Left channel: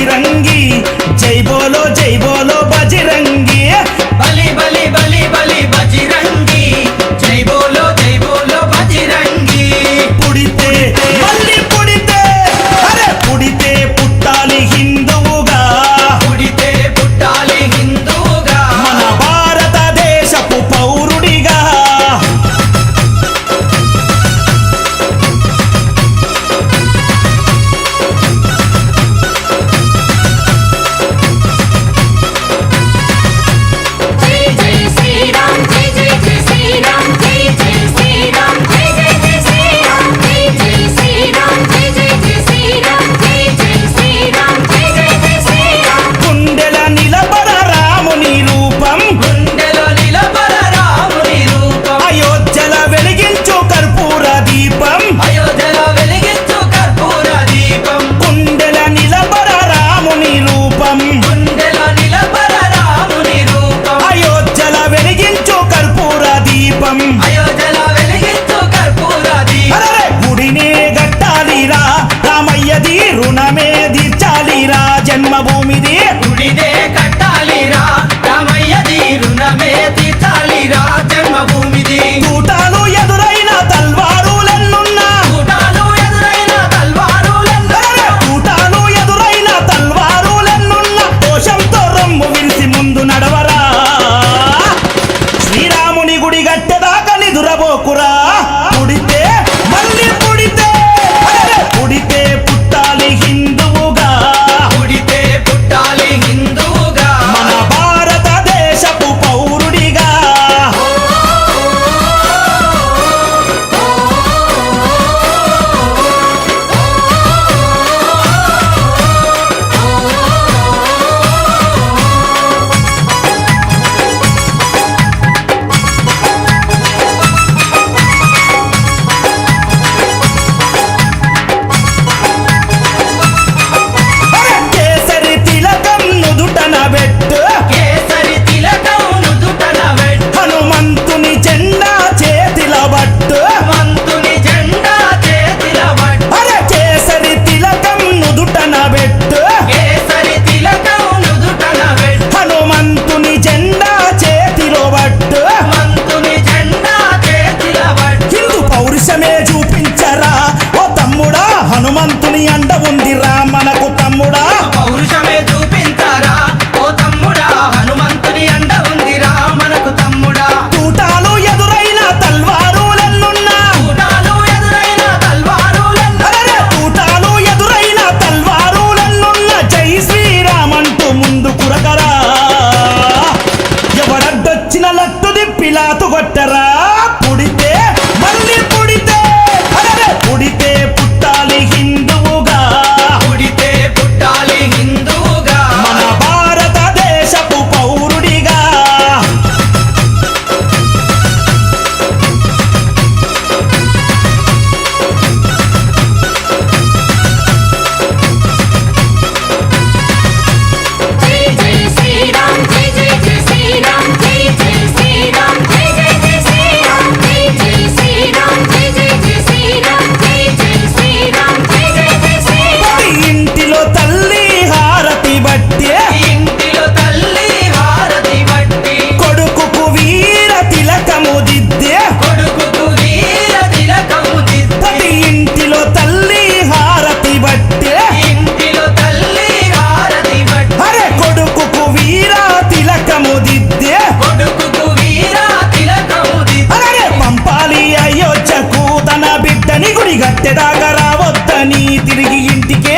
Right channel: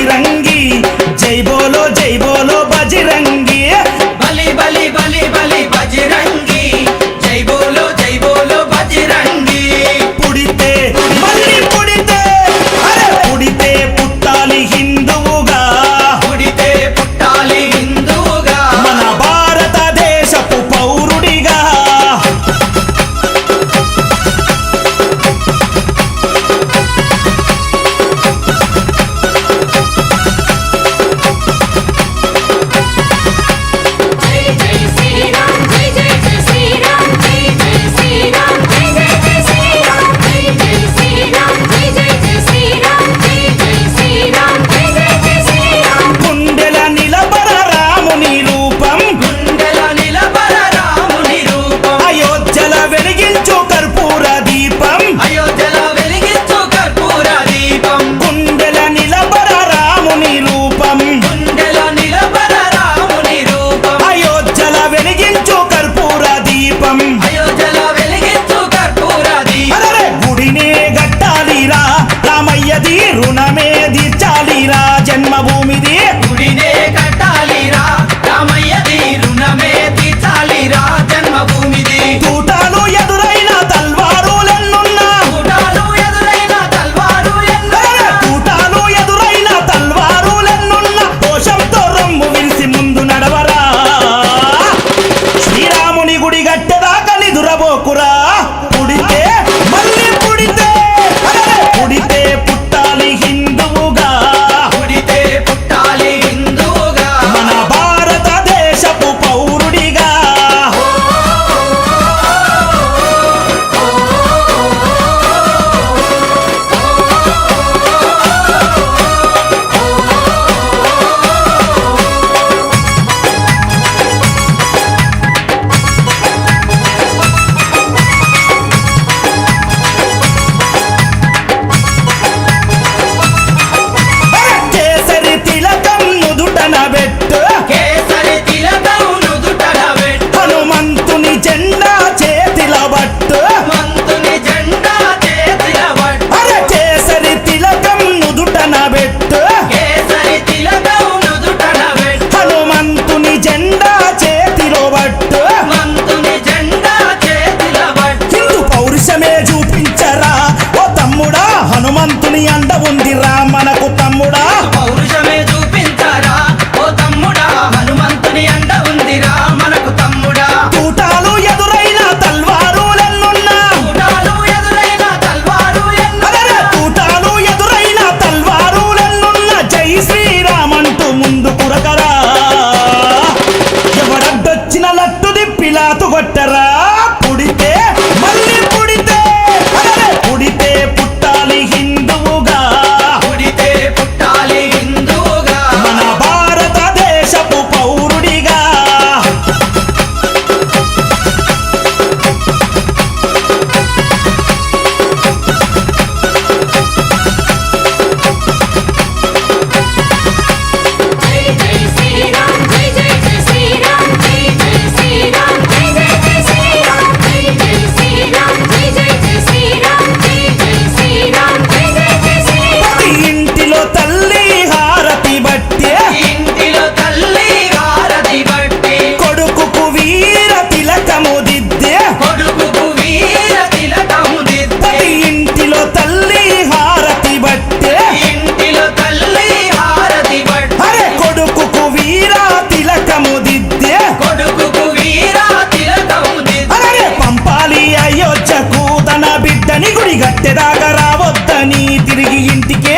బజిరంగి జై బోలో బజిరంగి బలి బలి బలి బలి బజిరంగి జై బోలో బజిరంగి పుడితే మళ్ళీ పుడితే అరే పుడితే పుట్టాలి హిందువుగా పుడితే పుట్టాలి హిందువుగా మన భారతదేశపు పౌరుడిగా వెలిగించు కర్పూర దీపం అయోధ్యలో వెలిగించు కర్పూర దీపం కుండెల నిలబర రాముని రూపం కుండెల నిలబర రాముని రూపం అయోధ్యల వెలిగించు కర్పూర దీపం అయోధ్యలో వెలిగించు కర్పూర దీపం అరే గుడినే గట్టాలిరా రామయ్యది రుణమే తీర్చాలిరా జన్మభూమిది గుడినే కట్టాలిరా రామయ్యది రుణమే తీర్చాలిరా జన్మభూమిది తూటాలు ఎదురైన తల్వారులెన్నున్నా తూటాలు ఎదురైన తూటాలు ఎదురైన తల్వారులెన్నున్నా దోషంతో రొమ్ము విరిసి ముందు నడవరా శ్రీరాముని గుడి గట్టెదాకా నిదురబోకురా పుడితే మళ్ళీ పుడితే పుడితే పుట్టాలి హిందువుగా పుడితే పుట్టాలి హిందువుగా మన భారతదేశపు పౌరుడిగా కేసరి తిలకం నుదుటన పెట్టు కేసరి తిలకం నుదుటన పెట్టు హనుమంతుని జెండా చేతిల బట్టు మంతుని జెండా చేతిల పట్టు అరే కేసరి తిలకం నుదుటన పెట్టు కేసరి తిలకం నుదుటన పెట్టు హనుమంతుని జెండా చేతిలో బట్టు మంతుని జెండా చేతిల పట్టు హిందూ పౌరుషమే చూపించరా ఓ తమ్ముడా హనుమంతుని అండ ఉందిరా మనకు తమ్ముడా పౌరుషమే చూపించారా ఓ తమ్ముడా హనుమంతుని అండ ఉందిరా మనకు తమ్ముడా తూటాలు ఎదురైన తల్వారులెన్నున్నా తూటాలు ఎదురైన తల్వారు అరే తూటాలు ఎదురైన తల్వారులెన్నున్నా జై శ్రీరామంటూ ముందు కురకరా ఎవడడ్డొచ్చిన లట్టు దిప్పిలాతు కొట్టరా పుడితే మళ్ళీ పుడితే అరే పుడితే పుట్టాలి హిందువుగా పుడితే పుట్టాలి హిందువుగా మన భారతదేశపు పౌరుడిగా ప్రతి ఇంటిలో తల్లి హారతి బట్టే ఇంటిలో తల్లి హారతి బట్టి కొడుకుకు వీర తిలకము దిద్దే కొడుకుకు వీర తిలకము దిద్ది ప్రతి ఇంటిలో తల్లి హారతి బట్టే ఇంటిలో తల్లి హారతి బట్టి అరే కొడుకుకు వీర తిలకము దిద్దే కొడుకుకు వీర తిలకము దిద్ది అరే పంపాలి అయోధ్యకు తన బిడ్డని గుడి గట్టెదాకా రావద్దని తిరిగి ఇంటికే